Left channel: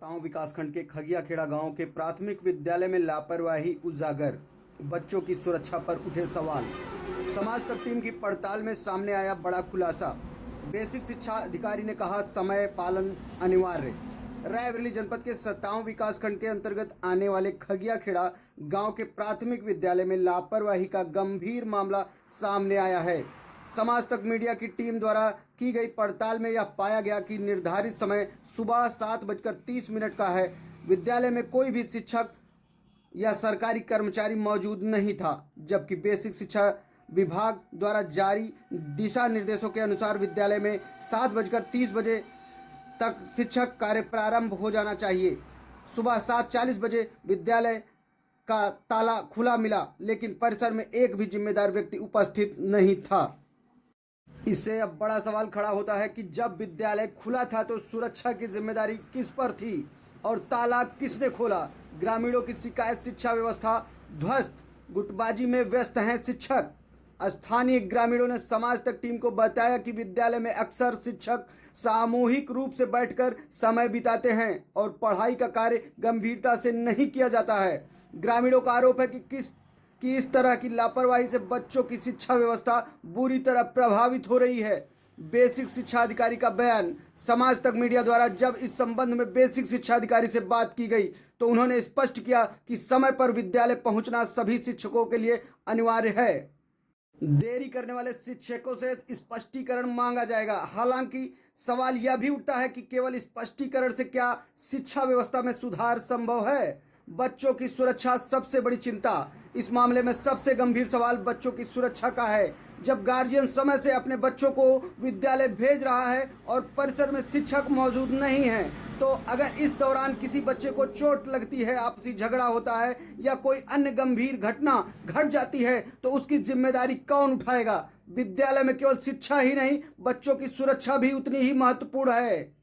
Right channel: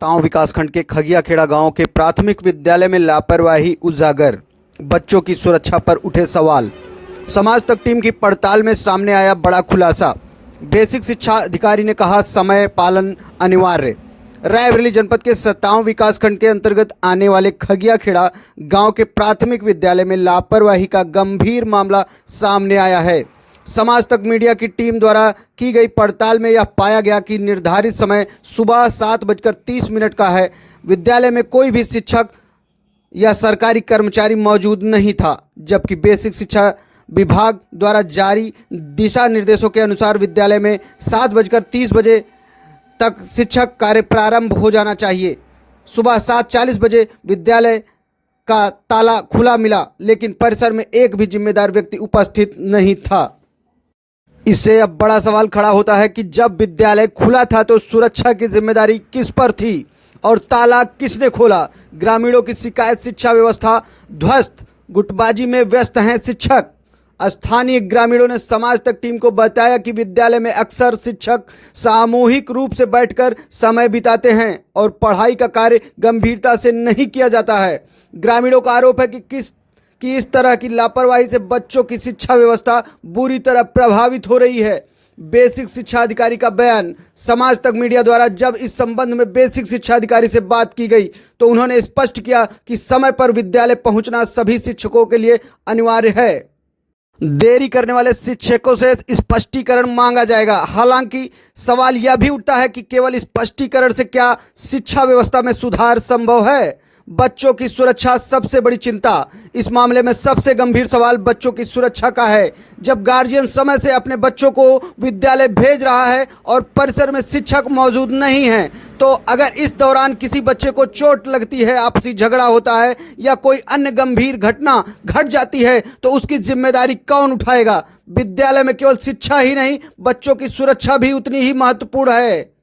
तांव विकासखंड के खगियाखेड़ा गांव के प्राथमिक विद्यालय में लापरवाही उजागर। बच्चों की सुरक्षा पर उठे सवाल। समाज तक टीम की पड़ताल में सामने आया बड़ा खुलासा। बेसिक शिक्षा अधिकारी ने कहा समय पालन अनिवार्य। रायबरेली जनपद के सतांव विकासखंड के अंतर्गत आने वाले खगियाखेड़ा गांव के प्राथमिक विद्यालय में लापरवाही का गंभीर मामला सामने आया है। समाज तक मीडिया की टीम द्वारा की गई पड़ताल में यह पाया गया कि निर्धारित समय सुबह 7:30 का है। विद्यालय में कोई भी शिक्षक या सरकारी कर्मचारी मौजूद नहीं था, जबकि बेसिक शिक्षा विभाग द्वारा जारी दिशा निर्देशों के अनुसार विद्यालय में 7:30 तक शिक्षक कार्य प्रारंभ हो जाना चाहिए। सुबह 7:40 विद्यालय का ताला खुला मिला, लेकिन परिसर में एक भी जिम्मेदार व्यक्ति उपस्थित नहीं था। इससे अब बड़ा सवाल खड़ा होता है कि जब विद्यालय खुला था तो सुरक्षा की जिम्मेदारी किस पर थी और ताला किसने खोला। ग्रामीणों की शिकायत, शिक्षा व्यवस्था ध्वस्त, गुटबाजी में व्यस्त हैं शिक्षक। स्थानीय ग्रामीणों ने समाज तक टीम को बताया कि विद्यालय में अक्सर शिक्षक सामूहिक रूप से बैठकर समय बिताते हैं और पढ़ाई का कार्य गंभीरता से नहीं किया जाता है। ग्रामीणों का आरोप है कि इस तरह की लापरवाही से बच्चों की शिक्षा व्यवस्था बुरी तरह प्रभावित हो रही है। बेसिक शिक्षा अधिकारी का बयान। समाज तक मीडिया द्वारा जब इस संबंध में बेसिक शिक्षा अधिकारी से बात की गई तो उन्होंने स्पष्ट किया कि समय पर विद्यालय पहुंचना सभी शिक्षकों के लिए अनिवार्य है। देरी करने वाले शिक्षकों से स्पष्टीकरण मांगा जाएगा। हालांकि सवाल यह भी उठता है कि केवल स्पष्टीकरण से क्या शिक्षा व्यवस्था में सुधार संभव है। बच्चों की सुरक्षा सबसे बड़ी चिंता। इस मामले में सबसे गंभीर सवाल बच्चों की सुरक्षा का है। जब गार्जियन समय से अपने बच्चों को विद्यालय भेज रहा है और परिसर में शिक्षक मौजूद नहीं हैं, तो अगर इस दौरान किसी बच्चे को चोट लगती है, आपसी झगड़ा होता है या कोई अन्य गंभीर घटना घट जाती है तो उसकी जिम्मेदारी कौन उठाएगा। विद्यालय में केवल शिक्षा ही नहीं, बच्चों की सुरक्षा भी उतनी ही महत्वपूर्ण है।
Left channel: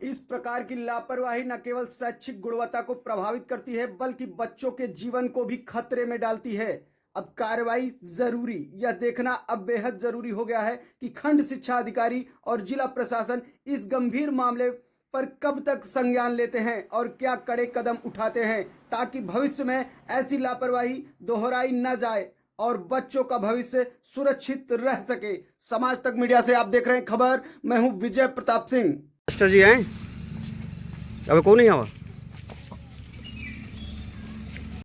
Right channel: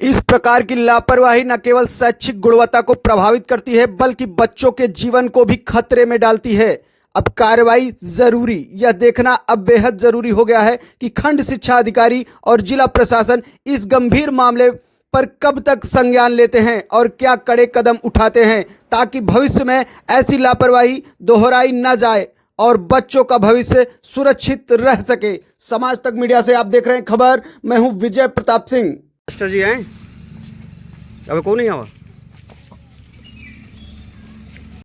इस प्रकार की लापरवाही न केवल शैक्षिक गुणवत्ता को प्रभावित करती है, बल्कि बच्चों के जीवन को भी खतरे में डालती है। अब कार्रवाई जरूरी। यह देखना अब बेहद जरूरी हो गया है कि खंड शिक्षा अधिकारी और जिला प्रशासन इस गंभीर मामले पर कब तक संज्ञान लेते हैं और क्या कड़े कदम उठाते हैं, ताकि भविष्य में ऐसी लापरवाही दोहराई न जाए और बच्चों का भविष्य सुरक्षित रह सके। समाज तक मीडिया से आप देख रहे हैं खबर। मैं हूं विजय प्रताप सिंह। मास्टर जी हैं, अब कौन नहीं आवा।